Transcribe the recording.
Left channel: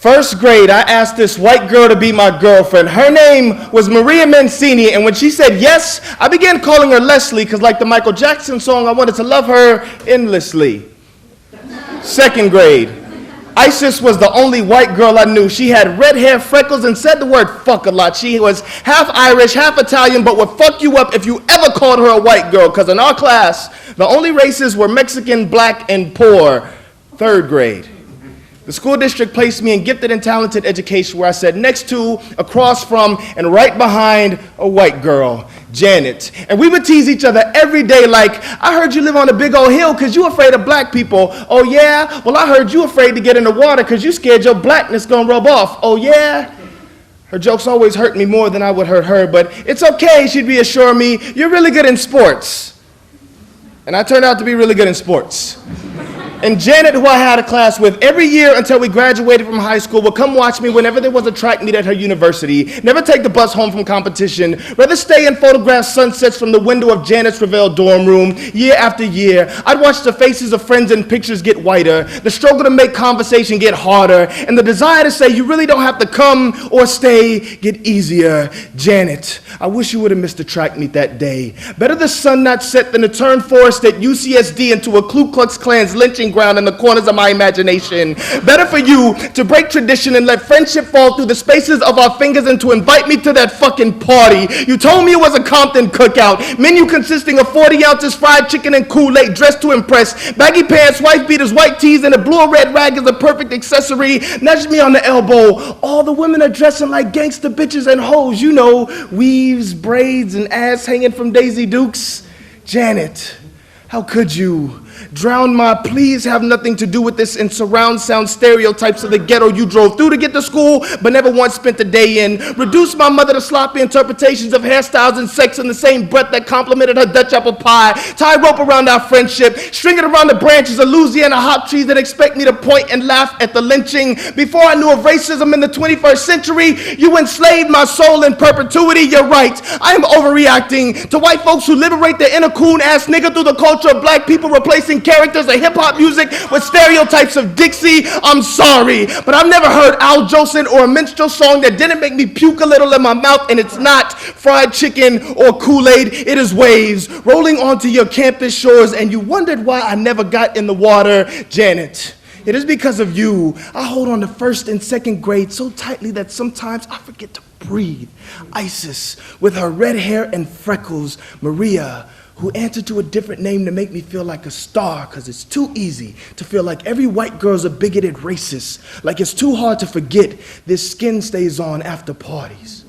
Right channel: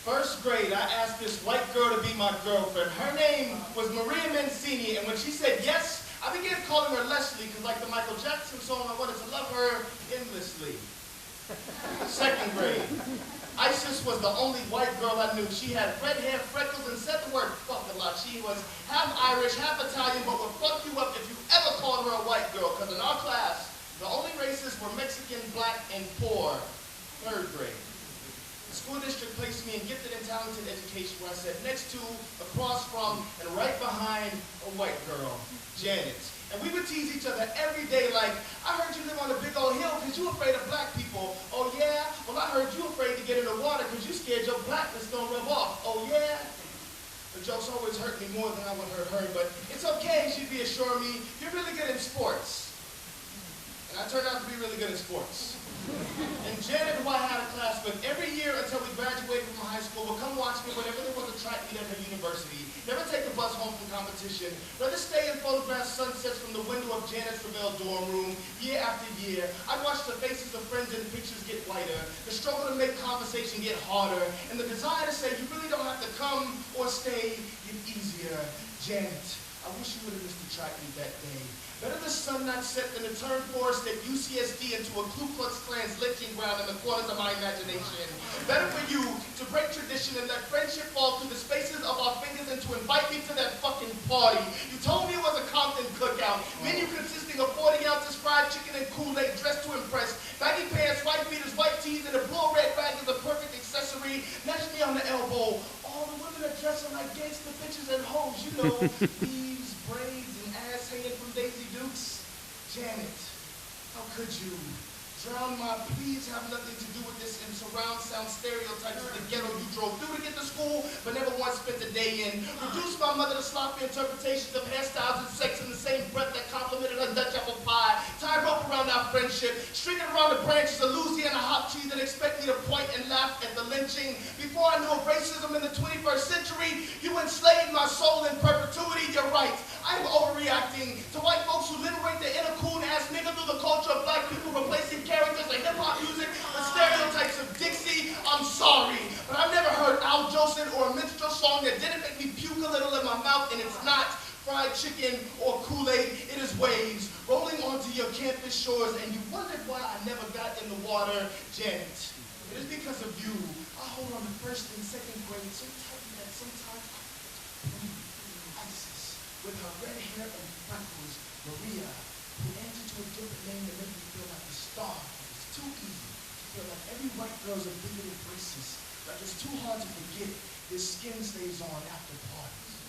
First grade, I asked this white girl to be my girlfriend. Her name was Maria Mancini, and when she said yes, I began calling her Leslie, because like the Michael Jackson song, I wanted to love her endlessly. Second grade, Isis was the only white girl I knew. She had red hair, freckles, and said the word fuck a lot. She was half Irish, half Italian, but would fuck you up if you ever called her a white girl, because in our class, the only races were Mexican, black, and poor. Third grade. The school district placed me in gifted and talented education, where I sat next to, across from, and right behind a white girl, Janet. And we would tease each other every day like, I heard you live on a big old hill because you afraid of black people. Oh yeah? Well, I heard you afraid to get in the water because you scared your blackness gonna rub off. Oh yeah? Her jokes always hurt me more than I would hurt her, but it's okay, she'd reassure me, you're really good in sports. And I turned out to be really good in sports. And Janet, who I had a class with every year until we graduated from high school, would come watch me whenever there was a track meet at her university, never take the bus home from competition, rather stay and photograph sunsets from the window of Janet's Revelle dorm room year after year. I'd watch the faces of friends in pictures get whiter, the struggle to make conversation get harder, and the desire to say you really don't have to come or stay get easier. Janet, I wish you would have missed the track meet that day. Better the sun not set than to turn Forrest at UCSD into a Ku Klux Klan's lynching ground in the corners of my imagination. Better for you to break tradition and let friendship fall through the spaces of our fingers and to invite me to that fucking party. You told me it was a Compton cookout, menu consisting of 40 ounces fried chicken and Kool-Aid, dressed to impress, baggy pants, wife beaters, white tees, and a blue or red rag is a perfect accessory. Nudge me on the elbow. All the women are dressing like gangster bitches and hoes, you know, weaves, braids, and ass hanging from Daisy Dukes. Janet, how could you? Drown my please have nothing to do with this in surround sound stereotypes of the ghetto you drove through to get to school but never once spent a day in. Reduce my mother to sloppy interpretations of hairstyles and sex in the same breath that complimented her Dutch apple pie. Tie rope around our friendship, string it around the branches of Louisiana hop trees that expect me to point and laugh at the lynching. Before I knew of racism in the 21st century, you enslaved my soul in perpetuity. You're right, I am overreacting to white folks who liberate their inner coon-ass nigga through the culture of black people, replacing characters of hip-hop music with stereotypes of Dixie. I'm sorry, but I've never heard Al Jolson or a minstrel song that didn't make me puke a little in my mouth, and it's not fried chicken or Kool-Aid. It is waves rolling onto your campus shores, and you wondered why I never got in the water. Janet, it is because of you. I hold on to first and second grade so tightly that sometimes I forget to breathe. Isis, with her red hair and freckles. Maria, who answered to a different name to make me feel like a star, because it's too easy to feel like every white girl's a bigoted racist, like it's too hard to forget this skin stays on after parties.